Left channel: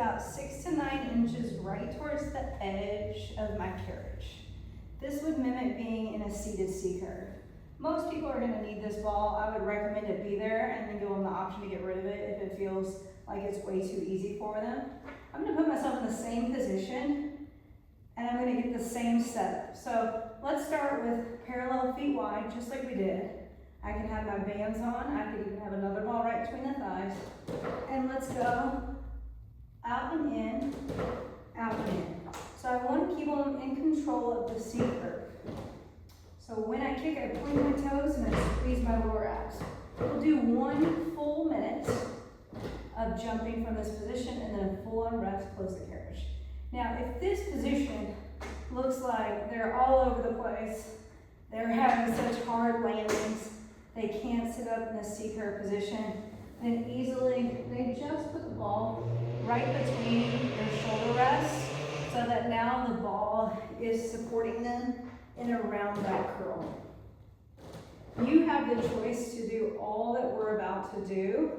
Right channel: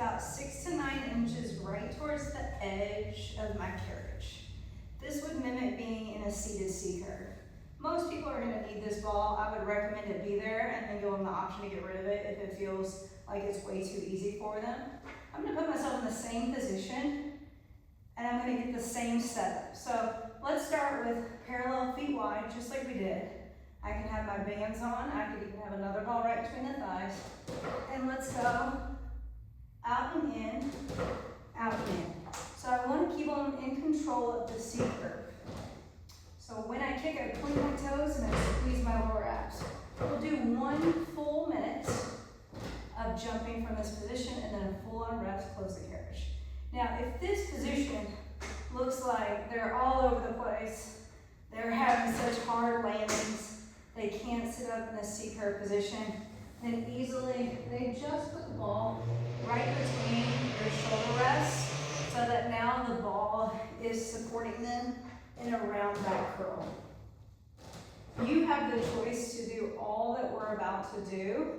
about 6 to 9 inches right towards the edge of my carriage. This would mimic being in a seated C-curve. Most people are going to need this ball. I would recommend it be there, and then you'll have the option to get rid of it if it feels like it's way too easy for them. I'm going to put myself in the same position, and I'm going to get the same setup. So let's start with parallel feet wide, just like we did. I can have my bands on. I could even have another ball right between the thighs. And let's go out and in, out and in. So I want to keep them in control of the C-curve. So when I kick, I point my toes and I squeeze my lower abs. We'll do 1 full minute of jumping from this position and then a full on rest, close the carriage. Now, if this position looks like they're all over the place, they're having such hard landings, they can't sit up in the C-curve position, then easily they just put the ball right between their shoulder rests so that now the ball is supporting them in a round back curl. You have the choice to do all that we're about to do,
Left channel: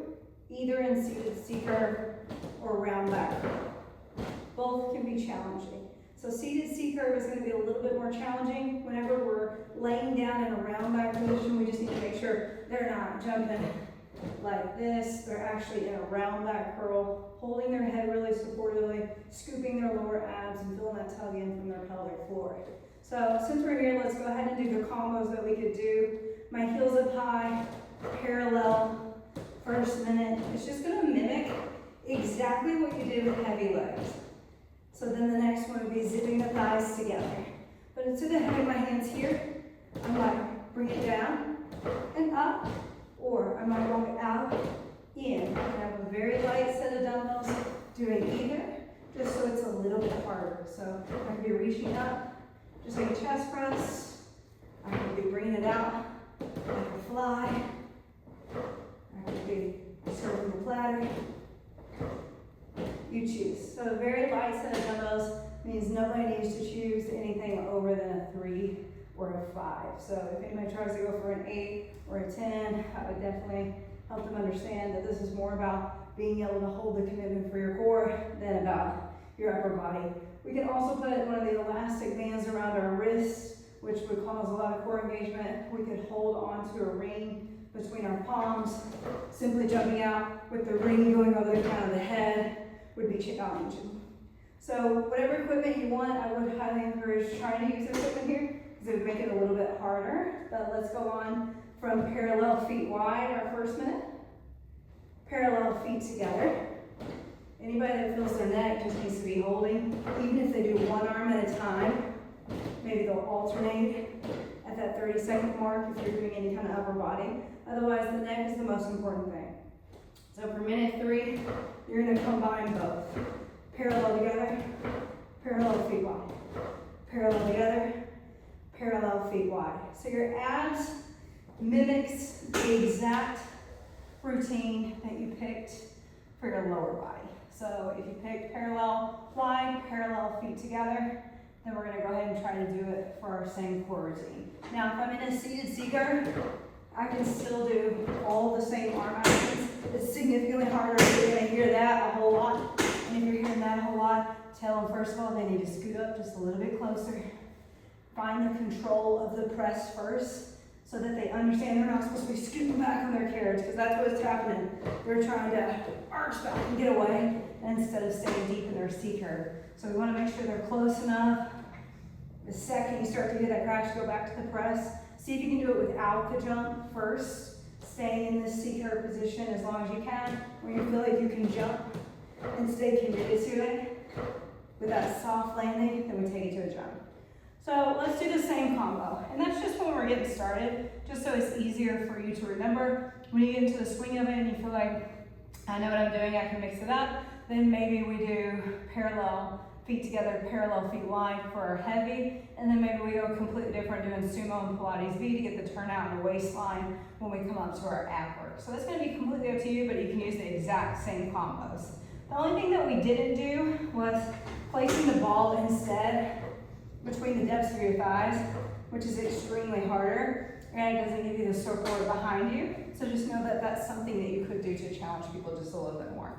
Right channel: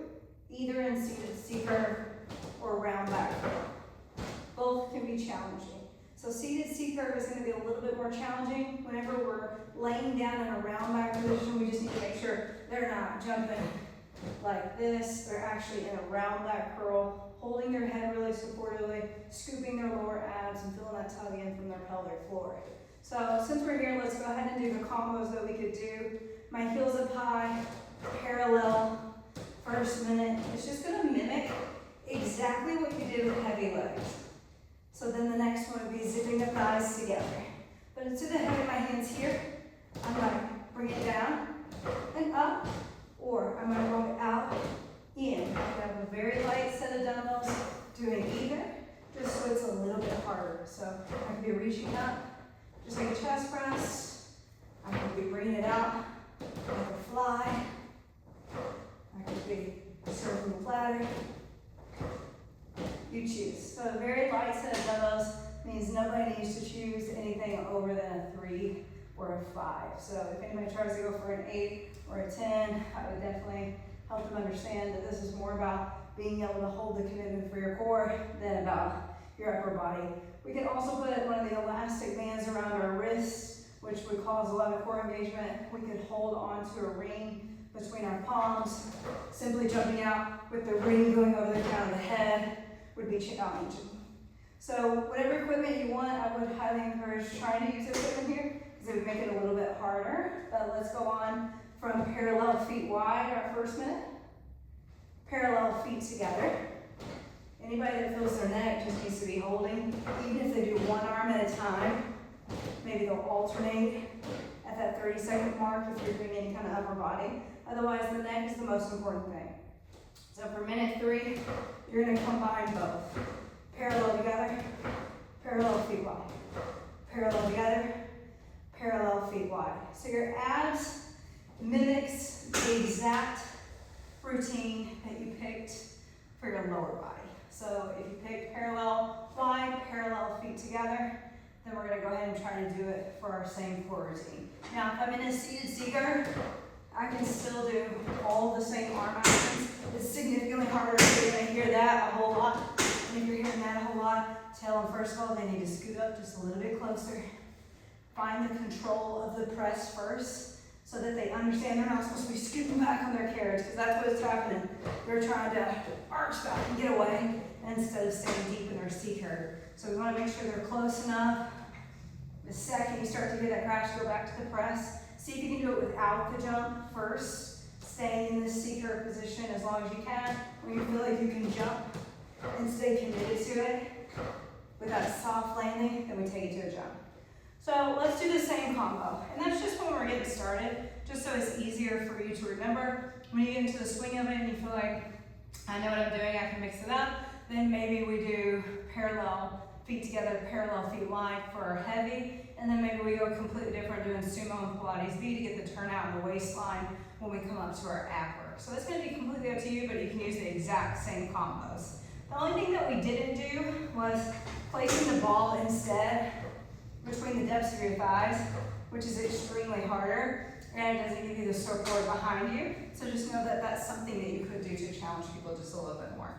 either in seated C-curve or round back curl. Both can be challenging. So seated C-curve is going to be a little bit more challenging. Whenever we're laying down in a round back position, we just need to make sure they're not jumping like this. They're actually in a round back curl, holding their head really supportively, scooping their lower abs and feeling that tug in from their pelvic floor. So since we're here, let's go ahead and do the combos that we could do. My heels up high, parallel, first minute. It's just going to mimic exactly what you did with heavy legs. So then the next one would be zipping the thighs together. But instead of having my hands here, I might bring it down and up, or I might walk it out, in. I have a very light set of dumbbells, doing either, just so it's a little bit harder. So I can be reaching up, just like a chest press. I can be bringing it out like a fly. I can be circling the platter. You choose. So a very light set of dumbbells means nobody needs to choose anything over than a 3 or a 5. So if anybody tries to go for an 8 or a 10, I would definitely help them understand that this is more about being able to hold the commitment for your core than about your upper body. We can also put one of the elastic bands around our wrists, which would cause a lot of core engagement. We could hold onto a ring between our palms. Simply jumping out with the ring going over the crown of the head would be challenging. So whatever equipment you want, I would highly encourage trying to use equipment here because it would make it a little bit harder. But let's go on from parallel feet wide, our first minute. Parallel feet together. Anybody that feels their neck just needs to be holding, even if they do one arm at a time. Maybe they'll alternate at that 30-second mark if you're doing any kind of upper body. Otherwise, the neck is the most important thing. So for minute 3, you're going to combine both. Parallel together, parallel feet wide. Parallel together, parallel feet wide. So your abs mimics the exact routine that you picked for your lower body. So if you picked parallel wide, parallel feet together, then we're going to go ahead and try to do it for our same core routine. Now, if I'm in a seated C-curve, I can still do all the same arm actions. It's significantly harder if you're going to hear that a whole lot. And if you're hearing that a whole lot, tell them first of all they need to scoot up just a little bit closer. Find the control of the press first so that they understand they're not supposed to be scooting back on their carriage because that's what's happening. They're trying to arch back and get away instead of staying deep in their C-curve. So we want to make sure they're close enough. The second you start to hear that crash, go back to the press. See if you can do it without the jump first. Staying in this C-curve position as long as you can. When you feel like you can jump and stay committed to it with that soft landing, then we take it to a jump. So let's do the same combo. And that's just when we're getting started, just so it's easier for you to remember. When you get into the swing of it and you feel like, I know what I'm doing, I can mix it up, then maybe we do parallel feet together, parallel feet wide for our heavy, and then maybe we go completely different doing sumo and Pilates B to get the turnout in the waistline when we come up to our ab work. So that's going to be completely up to you, but you can use the exact same combos. The only thing that we didn't do was placing the ball instead between the depths of your thighs, which is extremely harder, and it doesn't give you the support behind you. So just know that that's something that you could do to challenge people just a little bit more.